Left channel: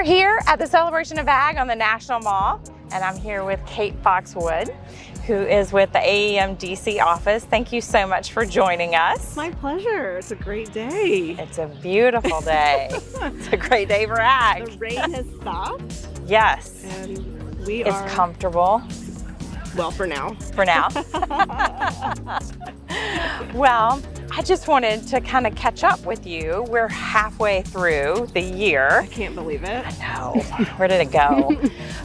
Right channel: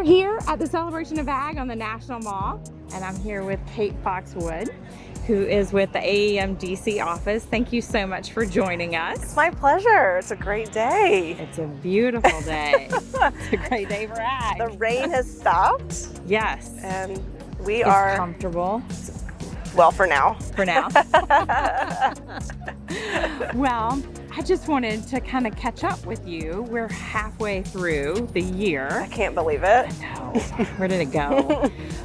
we're here at the Celebration of Ag on the National Mall, and I'm here with Kate Foxwood, who is with the AEM DC office. Thank you so much for joining us. It's my pleasure. It's a great day. It's a beautiful day. It's a great day for ag. The rain has stopped. Yes. And we it's are comfortable. Well, for now. For now. Well, I just wanted to kind of catch up with you. We're halfway through the year. I can't believe it. I know. Where did it go?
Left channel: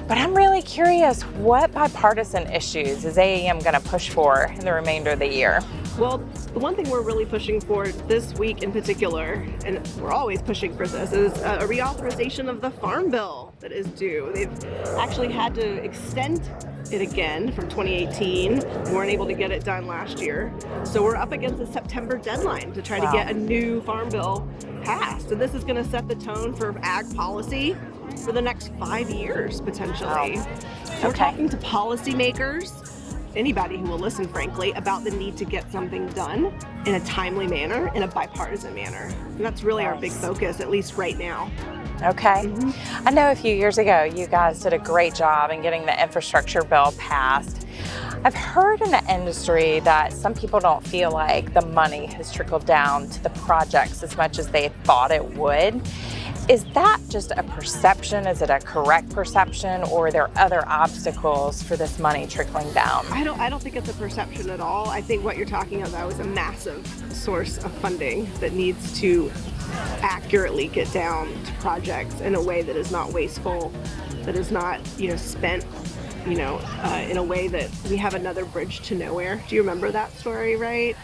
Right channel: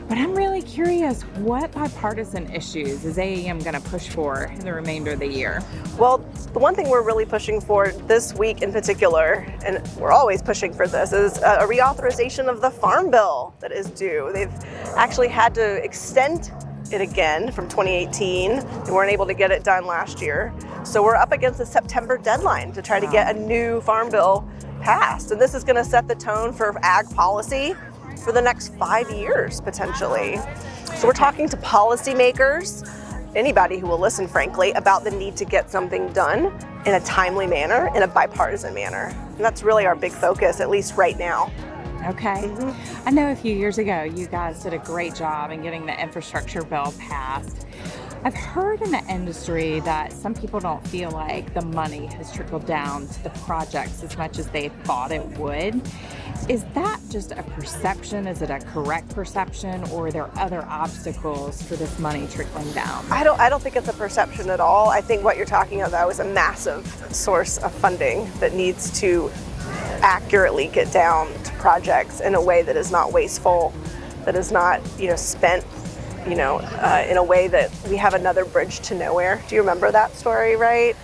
But I'm really curious, what bipartisan issues is AEM going to push for in the remainder of the year? Well, the one thing we're really pushing for this week in particular, and we're always pushing for this, is a reauthorization of the Farm Bill that is due. They've actually had to extend it again from 2018. We weren't able to get it done last year. So we're up against a September deadline to try to get a new Farm Bill passed. And this is going to set the tone for ag policy for the next 5 years, potentially. So we're talking to policymakers, anybody who will listen, frankly, about the need to get something done in a timely manner, in a bipartisan manner. And that's really our big focus, at least right now. Okay. I know a few years ago you guys did a great job in getting the infrastructure bill passed. I've heard in the industry that some people don't feel like the money has trickled down to the projects as much as they thought it would. Is that just a perception? Is it a correct perception, or are there other obstacles for this money trickling down? I don't think it's a perception at all. I think what you're talking about is a massive source of funding that needs to accurately get down to projects in a way that is not wasteful, that is not, spent, in a way that we have another bridge to nowhere. Do you remember that story, right?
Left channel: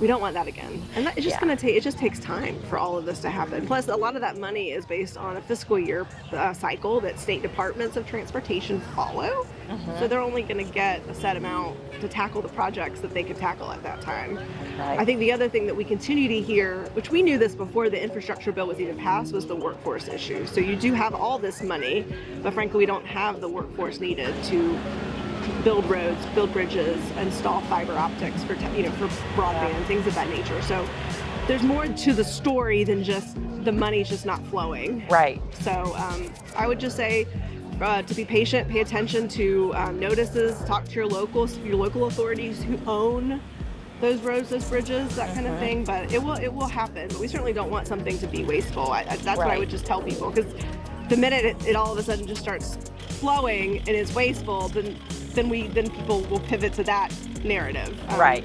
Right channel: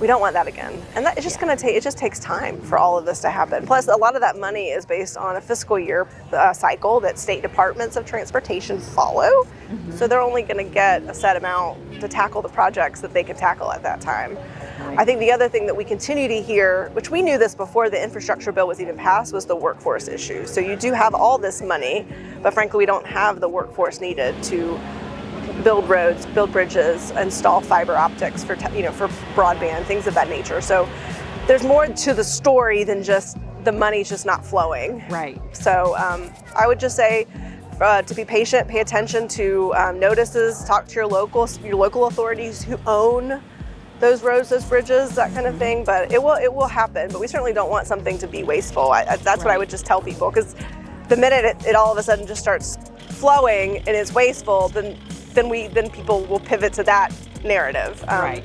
We don't want that again. And that, it's just going to take, it just takes time for all of this to happen. Plus, a lot of that money is based on a fiscal year cycle that state departments of transportation follow. So they're only going to get a set amount to tackle the projects that they can tackle at that time. I think the other thing that we continue to hear, which we knew this before the infrastructure bill was even passed, was the workforce issue. So you do have all this money, but frankly, we don't have the workforce needed to build roads, build bridges, install fiber optics for broadband, things of that nature. So there's more to the story than just the money's just not flowing. Right. So I would just say to be patient, pay attention to notices, talk to your local authorities who own those roads, those bridges, that kind of thing. But it will happen. But we certainly don't want something to be wasteful. That's what I would just tell people, because the minute it all of a sudden just starts flowing and is wasteful, then people will pivot to that narrative. Right.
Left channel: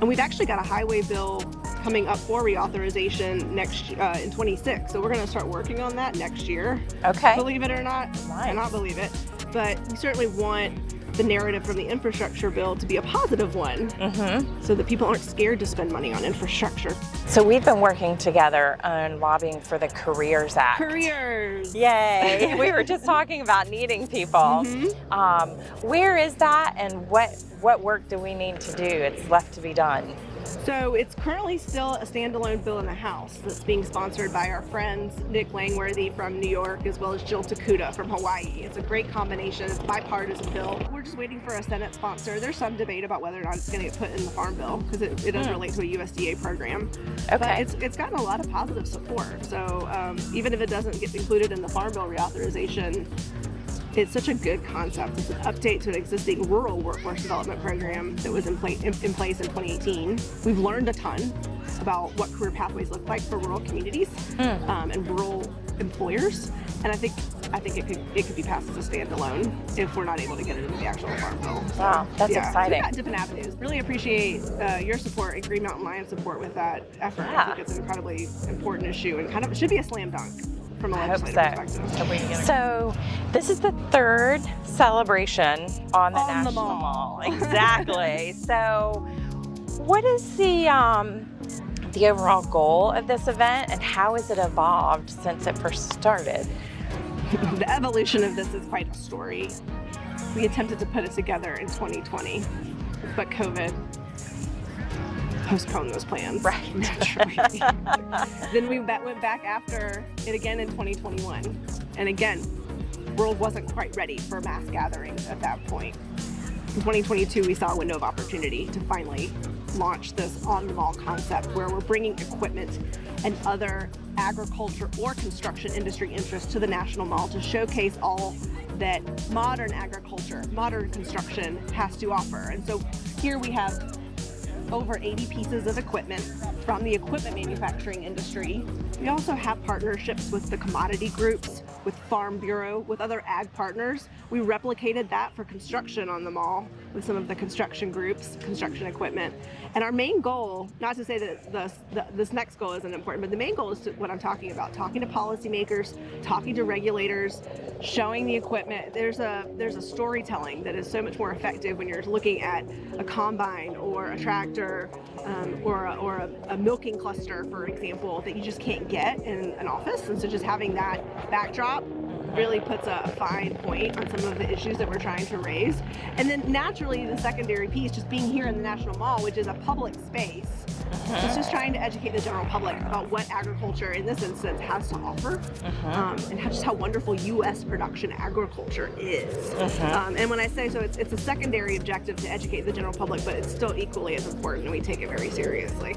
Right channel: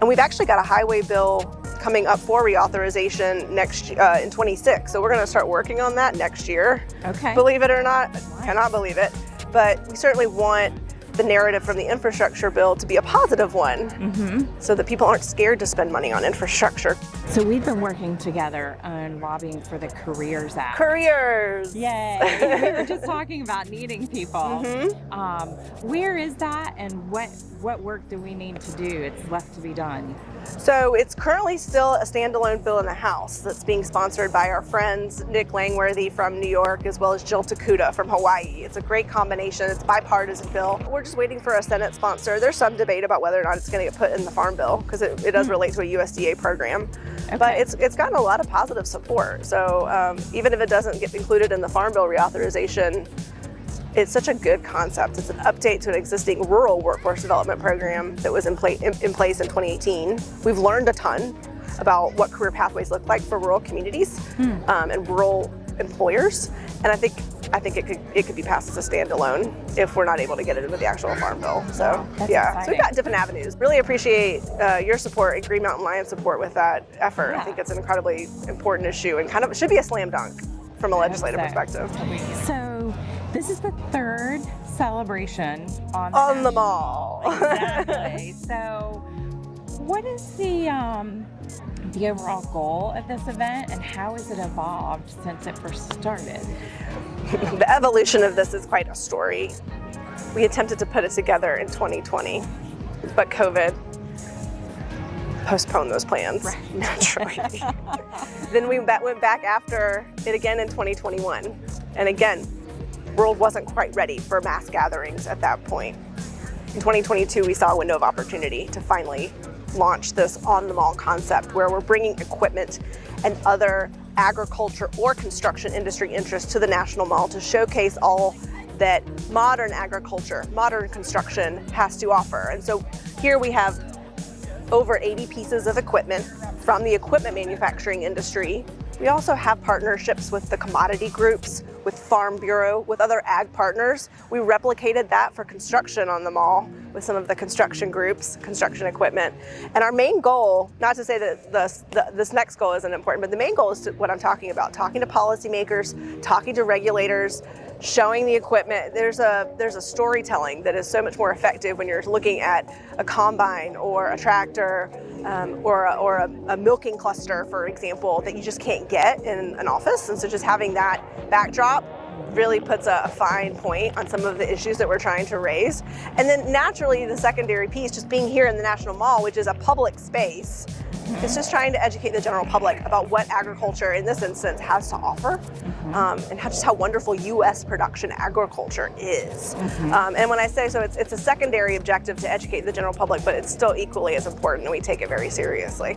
And we've actually got a highway bill coming up for reauthorization next in 26. So we're going to start working on that next year. Okay. Believe it or not, Nice. Cannot believe it. But we certainly want the narrative from the infrastructure bill to be a positive one, so that people aren't scared to spend money on infrastructure. So we've been working together on lobbying for the Careers Act. Careers! Yay! We were just talking about needing people. Where is that, and what work do we need to do? It's left to be done. So it's currently still a standalone bill in the House that's being sponsored by our friends Nick Langworthy from New York, as well as Jill Takuda from Hawaii. It's a great combination. It's a bipartisan bill. We're just waiting for a Senate sponsor. There's some debate about whether or not it's going to get put in the Farm Bill, because it does relate to a USDA program. Okay. But it's gotten a lot of positive support. So even if it doesn't get included in the Farm Bill reauthorization, it's such a good concept. It's an update to an existing rural workforce development program that was in place in 2018. We've learned a ton about what career pathways look like for rural communities and rural employers. And I think it could be passed as a standalone if we're not able to get it into the actual Farm Bill. So Wow, that's So exciting. we've got different avenues. Really appreciate your support and Green Mountain Lions support with that effort. Yeah. I think it's an incredibly important issue and kind of should be a slam dunk from a legislative perspective. So this is the third celebration on the On the National Mall. Exactly. So what is the overall goal of this event, and how has it evolved since it first started? The evolution of this is quite a story. We attempted to put it together in 2020, but COVID postponed those plans. Right. Naturally. Then we went back after it again in 2021. And again, the world wasn't quite ready for mass gatherings at that point. In 2022, we saw a window of opportunity to finally launch this on the mall concept, where we're bringing equipment and other agriculture or construction industry interests to the National Mall to showcase all that modern agriculture, modern construction has to offer. And so here we have over 80 pieces of equipment from the equipment manufacturing industry. We also have partnerships with the commodity groups, with Farm Bureau, with other ag partners. We replicated that for construction on the mall with some of the construction groups, construction equipment. And our main goal, not to say that this next goal isn't important, but the main goal is what I'm talking about, talking to policymakers, talking to regulators, showing the equipment. There's a storytelling that is so much more effective when you're looking at a combine or a tractor or a milking cluster, for example, that you just can't get in an office. And so just having that backdrop really puts a fine point on some of the issues that we're trying to raise. And then naturally, the secondary piece, just being here in the National Mall, which is a public space, it's just trying to educate the general public about what agriculture, in this instance, has to offer, and just how wonderful U.S. production agriculture is. And when I say so, it's a secondary objective to educate the general public, but it's still equally as important, and we take it very seriously.